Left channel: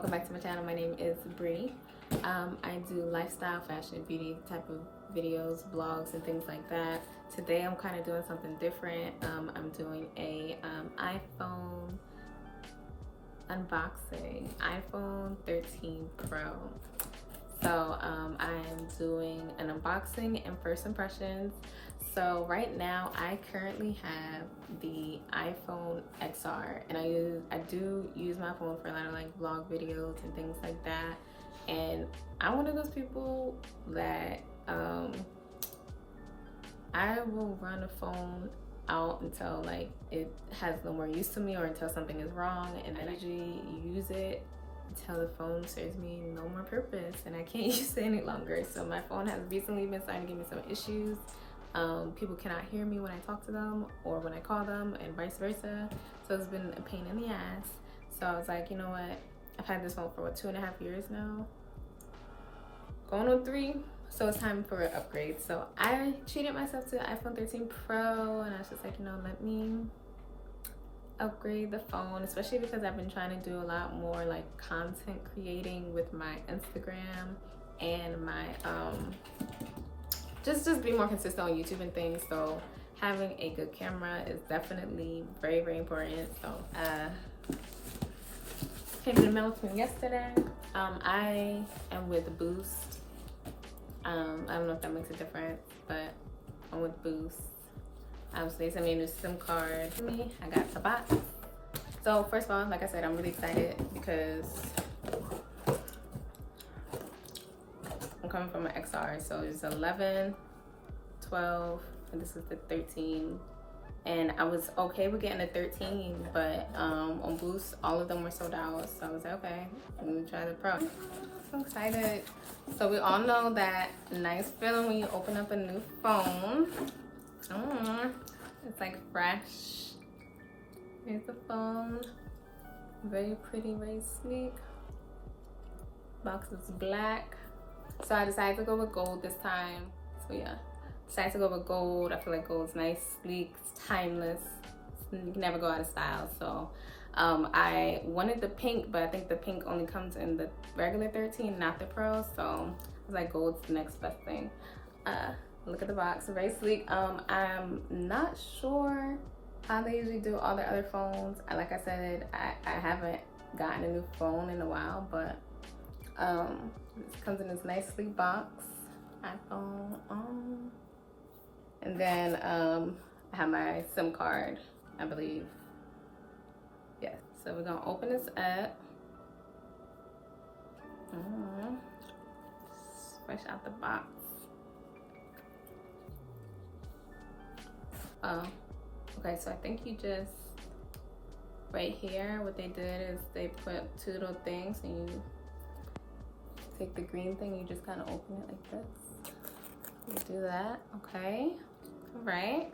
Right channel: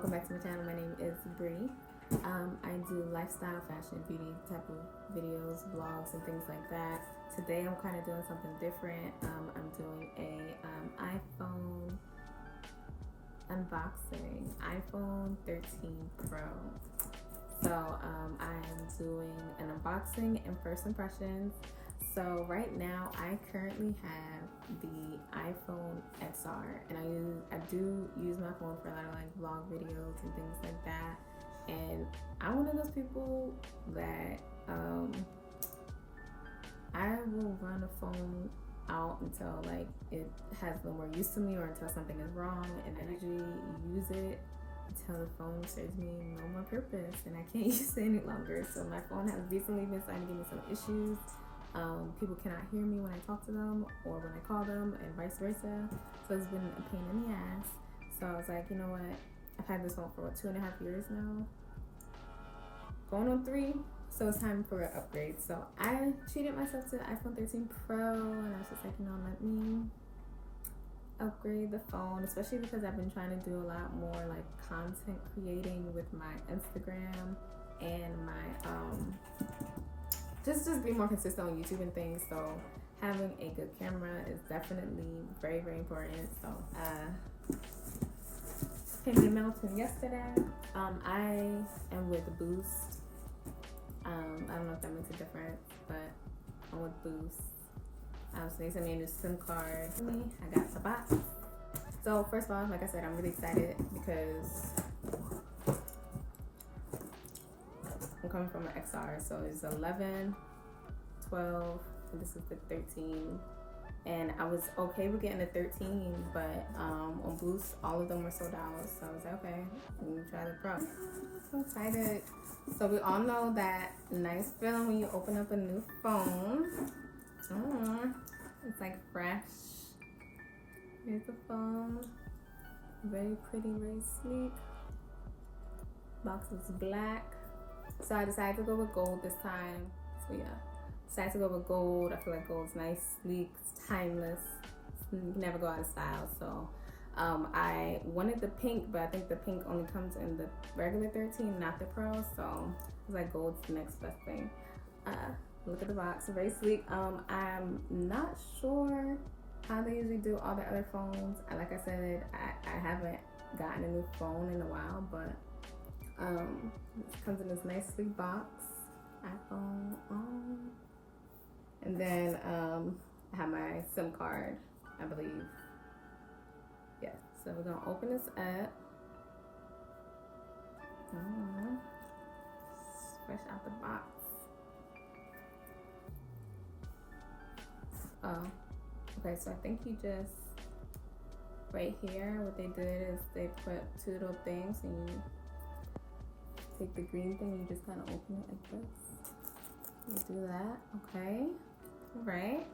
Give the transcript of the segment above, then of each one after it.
welcome back to my channel. My name is Bree. I do lifestyle, fashion, beauty type of videos, vlogs, and things like that. Today I'm kind of doing something different. I'm doing a iPhone unboxing, iPhone 13 Pro. So I'm doing an unboxing and first impressions. So right now I currently have the iPhone XR, and I do use my phone for a lot of like vlog videos and things like that. And I'm one of those people that I will run a phone out until like it has no more use to me, or until something is wrong, and I usually use it until the phone serves me no more purpose and I can't use it any longer. So my phone has recently been starting to give me some issues. People cannot hear me when I talk to them or when I call them, and vice versa. So it's been a pain in the ass. So I was like, you know what? I've had this phone for what, 2.5 years now? Going on 3. So it's time for an upgrade. So I treated myself to the iPhone 13 Pro, and I was just like, you know, let me upgrade the phone, especially because I've been trying to do a lot more like content creating with my Instagram and my just be more consistent on YouTube and things. So having a good camera is definitely very, very important. So came in the mail to me yesterday. I am with Boost. I don't know if that makes a difference, but I'm with Boost. So they sent me a new SIM card to me. I got the box. So first of all, like I said, I'm really excited because I'm coming from an XR. So it's 11, 12, and this is the 13. And I was okay with getting a 13, but on Boost, all of them were sold out. So I was like, okay, I'm gonna try the Pro. So excited. So we all know that nice feeling when you open up a new phone. It's like fresh. Here's the phone. Very pretty, very sleek. Box is black. So I decided to go with gold this time. So yeah, decided to go with gold. I feel like gold's nice, sleek, it's timeless. You can never go out of style. So I wanted the pink, but I think the pink only comes in the regular 13, not the Pro. So I was like, gold's the next best thing. Look at the box, very sleek. I'm not sure how they usually do all their other phones. Like I said, I haven't gotten a new phone in a while, but it comes in this nice sleek box, iPhone, and then I have my SIM card, I believe. Yes, so we're gonna open this up. Fresh out the box. Okay, so I think you just, right here, what they did is they put 2 little things, and you take the green thing, you just kind of open it like this. You do that, okay. All right,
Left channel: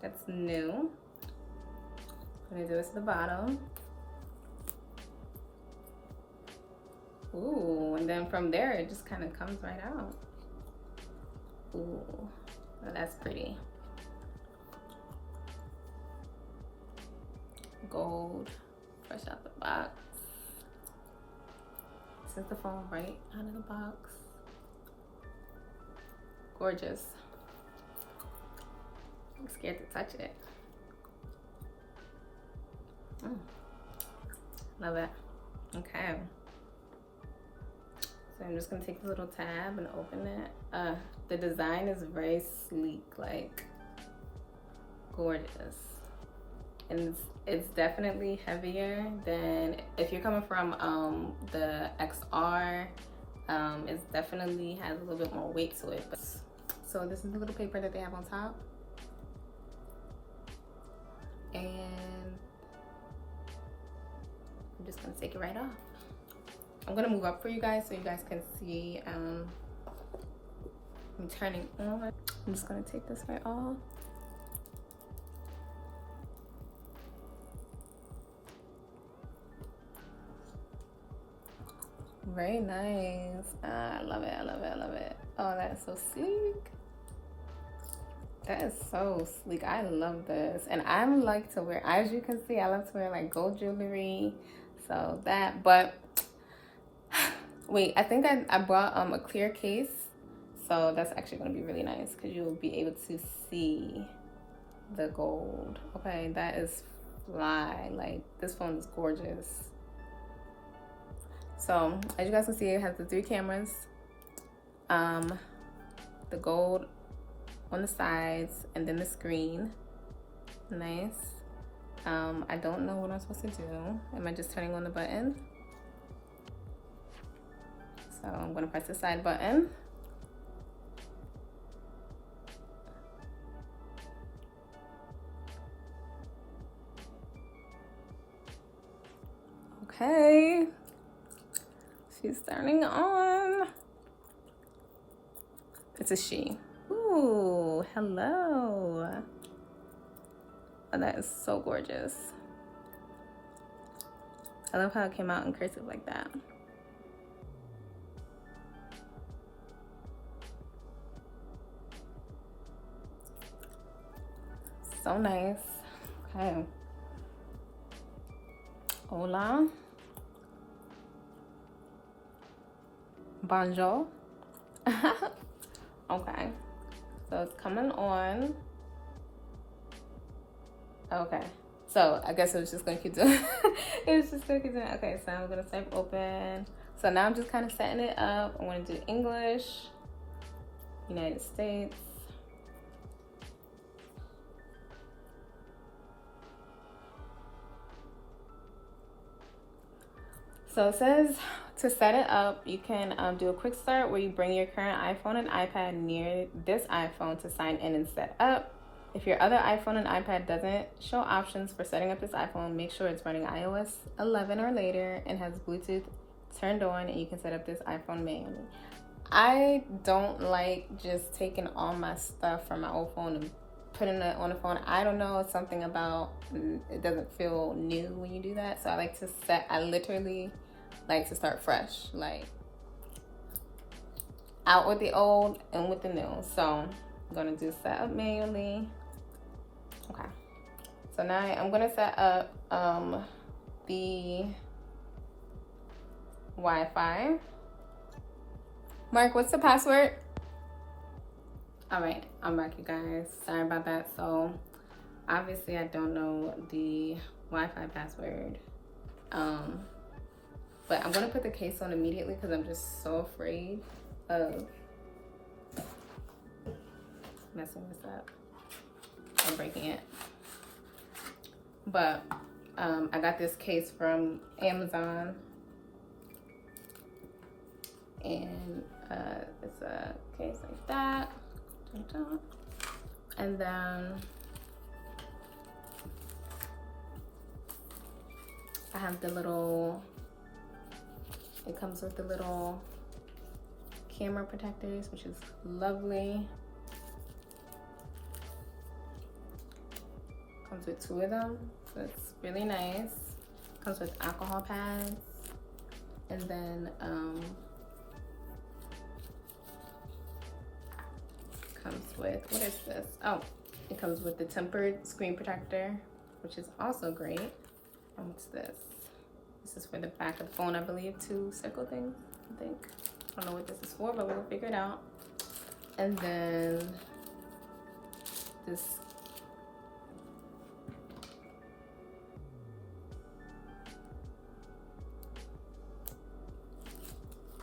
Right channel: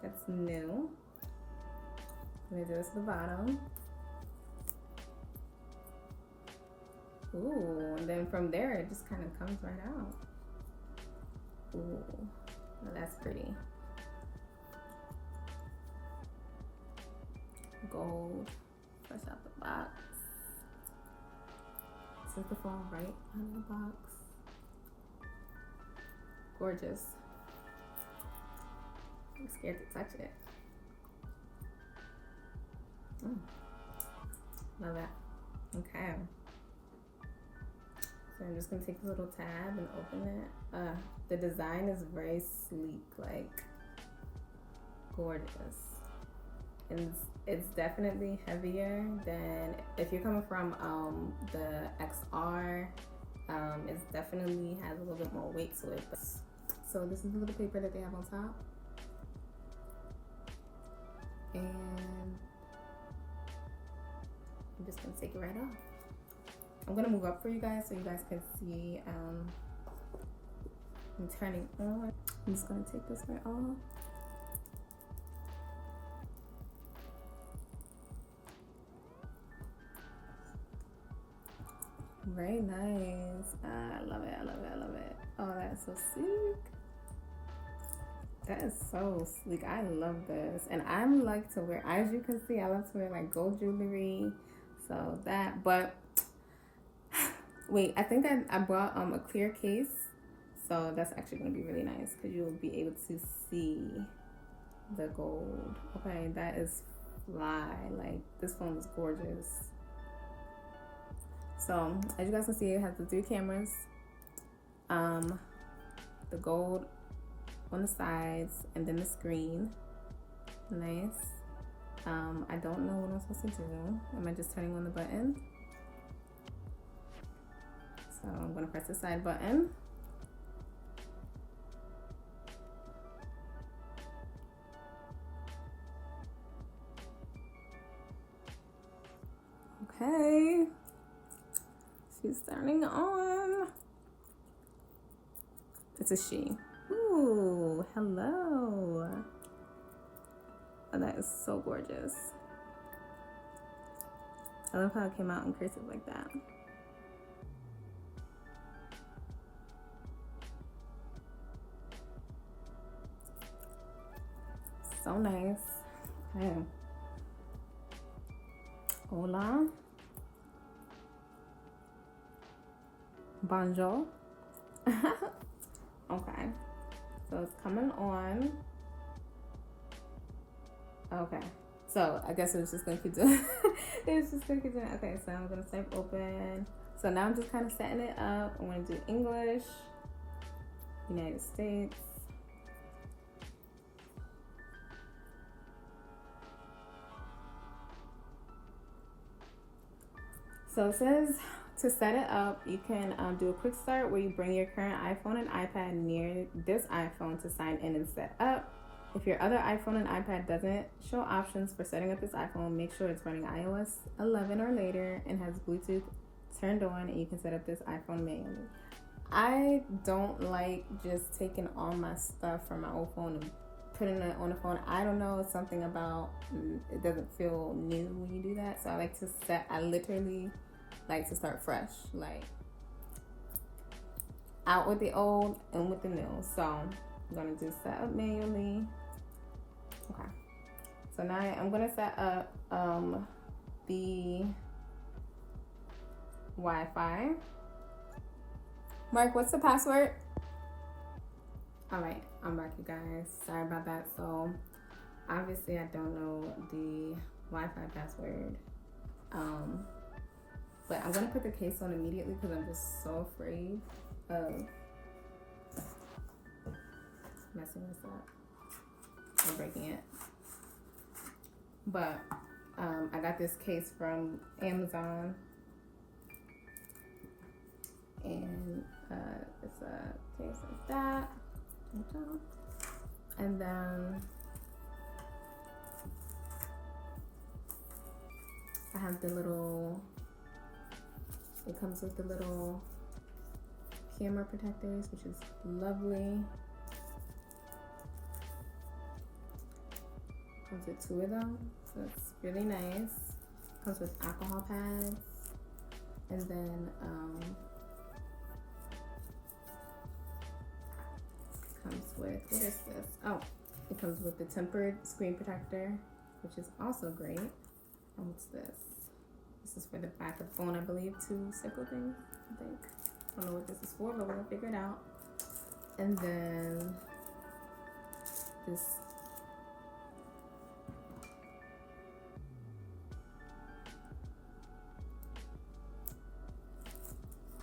that's new. I'm gonna do this to the bottom. Ooh, and then from there, it just kind of comes right out. Ooh, well, that's pretty. Gold, fresh out the box. This is the phone right out of the box. Gorgeous. I'm scared to touch it. Love it. Okay. So I'm just gonna take a little tab and open it. The design is very sleek, like gorgeous. And it's definitely heavier than, if you're coming from the XR, it definitely has a little bit more weight to it. But, so this is the little paper that they have on top. And I'm just gonna take it right off. I'm gonna move up for you guys so you guys can see. I'm turning on. I'm just gonna take this right off. Very nice. I love it, I love it, I love it. Oh, that is so sleek. That is so sleek. I love this. And I like to wear, as you can see, I love to wear like gold jewelry. So that, but Wait, I think I brought a clear case, so that's actually going to be really nice because you will be able to see the gold. Okay, that is fly. Like, this phone is gorgeous. So as you guys can see, it has the 3 cameras, the gold on the sides, and then the screen. Nice. I don't know what I'm supposed to do. Am I just turning on the button? So I'm going to press the side button. Okay, she's turning on. It's a she. Ooh, hello. Oh, that is so gorgeous. I love how it came out in cursive like that. So nice. Okay. Hola. Bonjour. Okay. So it's coming on. Okay. So I guess it was just gonna keep doing it was just gonna keep doing it. Okay, so I'm gonna type open. So now I'm just kind of setting it up. I want to do English, United States. So it says to set it up, you can do a quick start where you bring your current iPhone and iPad near this iPhone to sign in and set up. If your other iPhone and iPad doesn't show options for setting up this iPhone, make sure it's running iOS 11 or later and has Bluetooth turned on, and you can set up this iPhone manually. I don't like just taking all my stuff from my old phone and putting it on the phone. I don't know, it's something about it doesn't feel new when you do that. So I literally like to start fresh, like out with the old and with the new. So I'm gonna do set up manually. Okay, so now I'm gonna set up the Wi-Fi. Mark, what's the password? All right, I'm back, you guys. Sorry about that. So obviously I don't know the Wi-Fi password, but I'm gonna put the case on immediately because I'm just so afraid of messing this up or breaking it. But I got this case from Amazon, and it's a case like that. And then I have the little, it comes with the little camera protectors, which is lovely. Comes with 2 of them, so it's really nice. Comes with alcohol pads, and then comes with, what is this? Oh, it comes with the tempered screen protector, which is also great. And what's this? This is for the back of the phone, I believe. 2 circle things, I think. I don't know what this is for, but we'll figure it out. And then this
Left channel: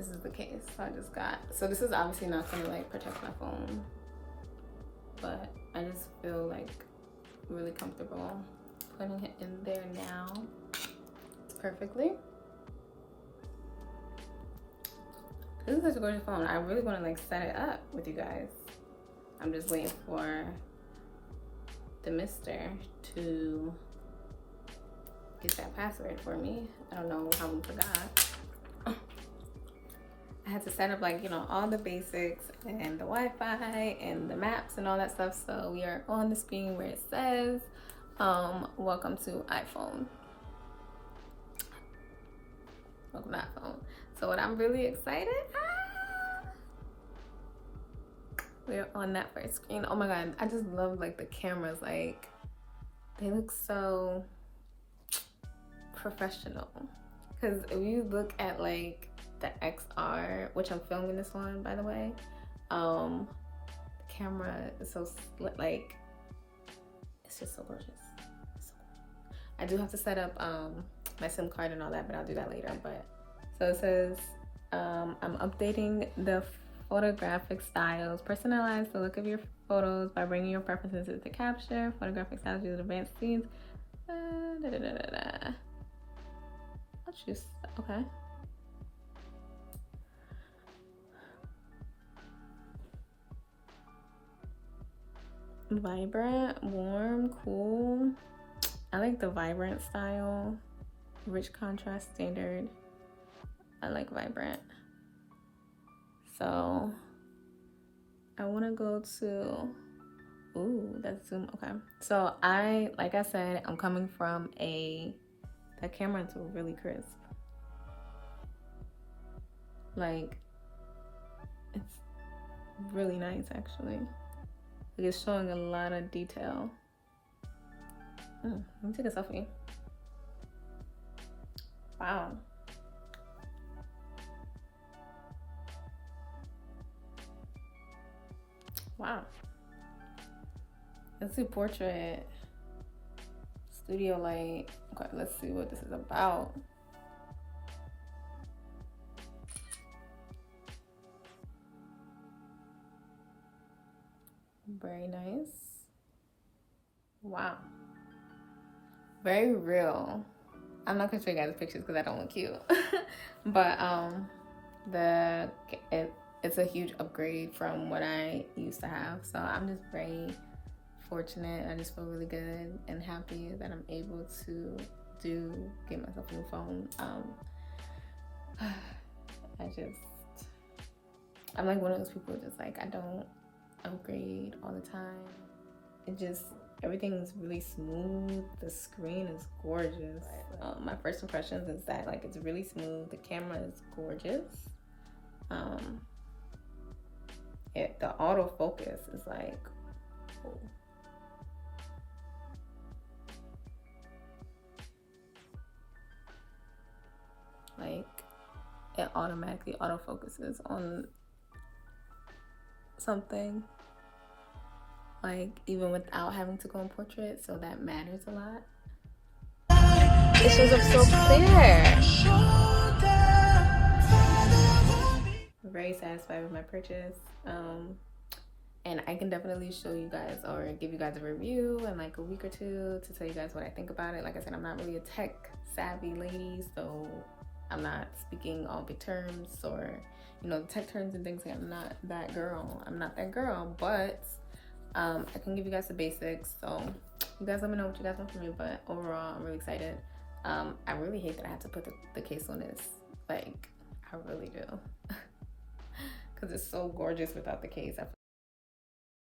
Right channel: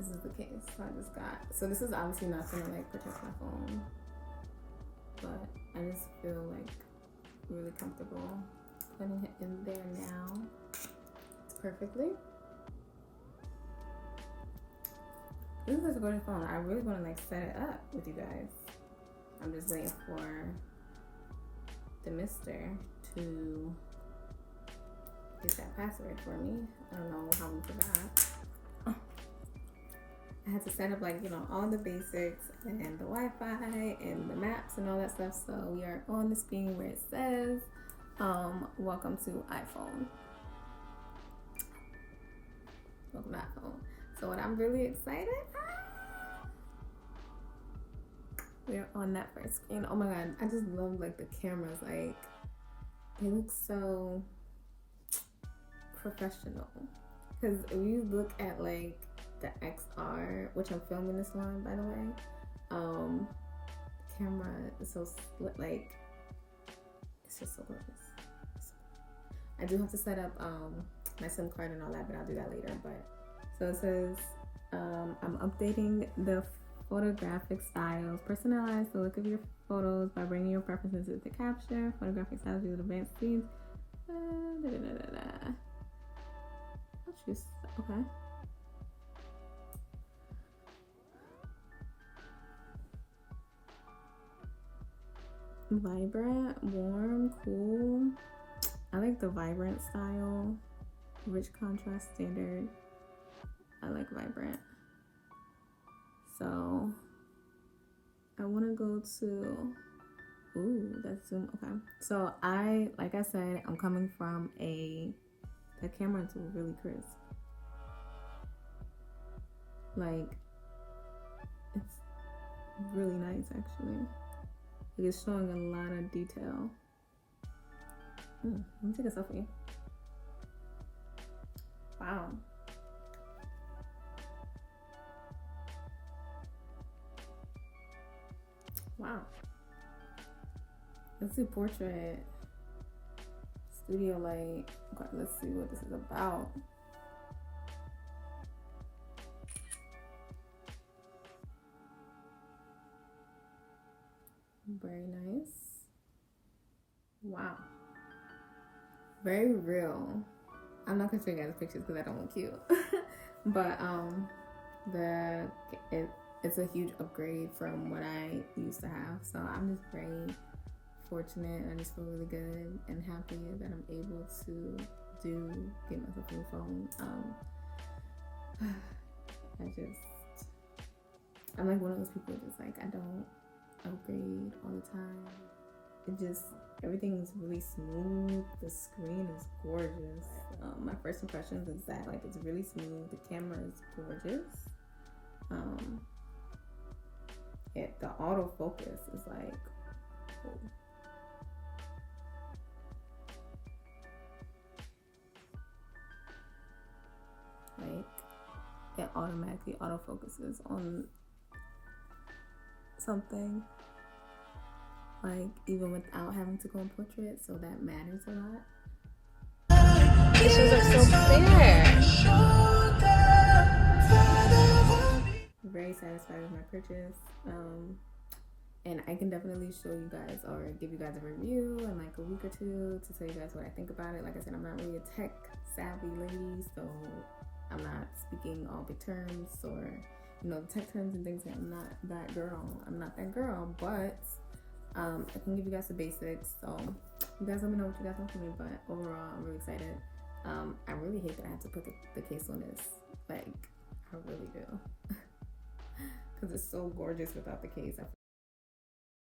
is the case. So I just got, so this is obviously not gonna like protect my phone, but I just feel like really comfortable putting it in there now perfectly. This is such a gorgeous phone. I really want to like set it up with you guys. I'm just waiting for the mister to get that password for me. I don't know how we forgot. I had to set up, like, you know, all the basics and the Wi-Fi and the maps and all that stuff. So we are on the screen where it says welcome to iPhone. Welcome to iPhone. So what I'm really excited, we're on that first screen. Oh my god, I just love like the cameras. Like, they look so professional. Because if you look at like the XR, which I'm filming this on, by the way. The camera is so like, it's just so gorgeous. I do have to set up my SIM card and all that, but I'll do that later. But so it says I'm updating the photographic styles. Personalize the look of your photos by bringing your preferences into capture. Photographic styles use advanced scenes. I'll choose. Okay. Vibrant, warm, cool. I like the vibrant style. Rich contrast, standard. I like vibrant. So I want to go to, ooh, that's zoom. Okay. So like I said, I'm coming from that camera is really crisp. Like, it's really nice actually. Like, it's showing a lot of detail. Let me take a selfie. Wow. Wow. Let's do portrait. Studio light. Okay, let's see what this is about. Very nice. Wow. Very real. I'm not gonna show you guys pictures because I don't look cute. But it's a huge upgrade from what I used to have. So I'm just very fortunate. I just feel really good and happy that I'm able to get myself a new phone. I'm like one of those people just like, I don't upgrade all the time. Everything's really smooth. The screen is gorgeous. My first impressions is that like it's really smooth. The camera is gorgeous. The autofocus is like, cool. Like it automatically autofocuses on something. Like even without having to go in portrait, so that matters a lot. Pictures are so clear. I'm very satisfied with my purchase. And I can definitely show you guys or give you guys a review in like a week or two to tell you guys what I think about it. Like I said, I'm not really a tech savvy lady, so I'm not speaking all big terms or, you know, tech terms and things. Like, I'm not that girl, but I can give you guys the basics. So you guys let me know what you guys want from me, but overall I'm really excited. I really hate that I have to put the case on this. Like, I really do. Because it's so gorgeous without the case. I feel